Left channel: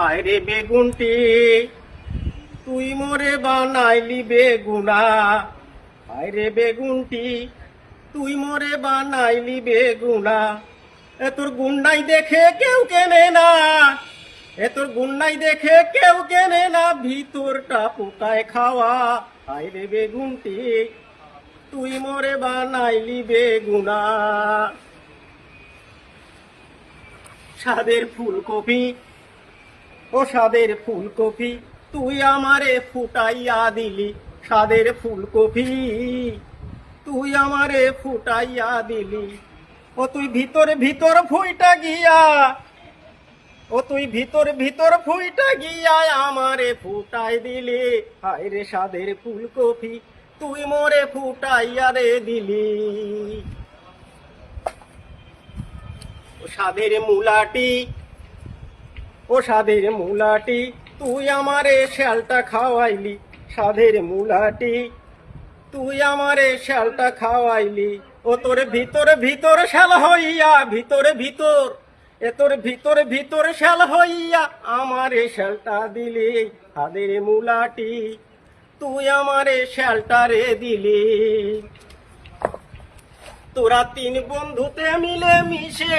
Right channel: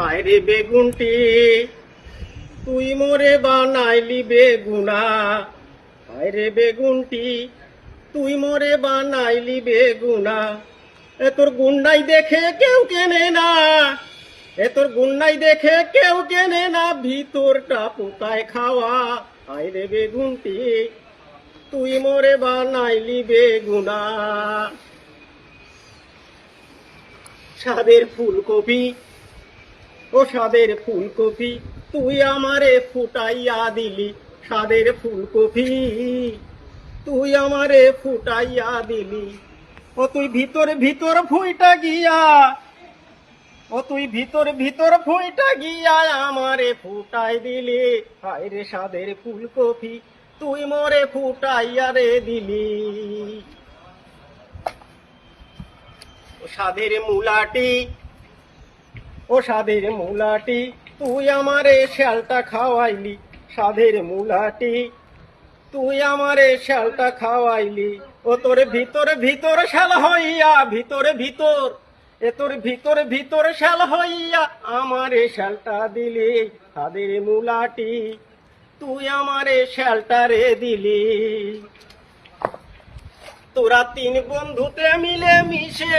হায় রে বেগুনটি তুই মোরে বানাইলি বেগুনা, হায় রে বেগুনটি তুই মোরে বানাইলি বেগুনা। এ তোর গুন্ডাই দেখে কেউ কেনে না, এ তোর গুন্ডাই দেখে কেউ কেনে না, ভিতরটা পোকায় খাওয়া। হায় রে বেগুনটি তুই মোরে বানাইলি বেগুনা। স্বাদের ফুলকপি ও স্বাদের ফুলকপি তুই আমারে ফুটাইয়া দিলি, স্বাদের ফুলকপি তুই আমারে ফুটাইয়া দিলি। ও তুই ভিতর ভিতর ফুইটা গিয়া, ও তুই ভিতর ভিতর ফুইটা গিয়া আমারে ফুটাই দিলি। হায় রে স্বাদের ফুলকপি তুই মোরে ফুটাইয়া রে দিলি। ও স্বাদের মুলাটি, ও স্বাদের মুলাটি তুই আমারে শ্যালটা খাওয়াইলি, স্বাদের মুলাটি তুই আমারে শ্যালটা খাওয়াইলি। ও তোর ভিতর ভিতর শ্যাল হইয়া, ভিতর ভিতর এ তোর ভিতর ভিতর শ্যাল হইয়া আমারে শ্যালটা দিলি। স্বাদের মুলাটি তুই আমারে শ্যালটা রে দিলি। তোরা তিন বন্ধুতে মিলে মিশে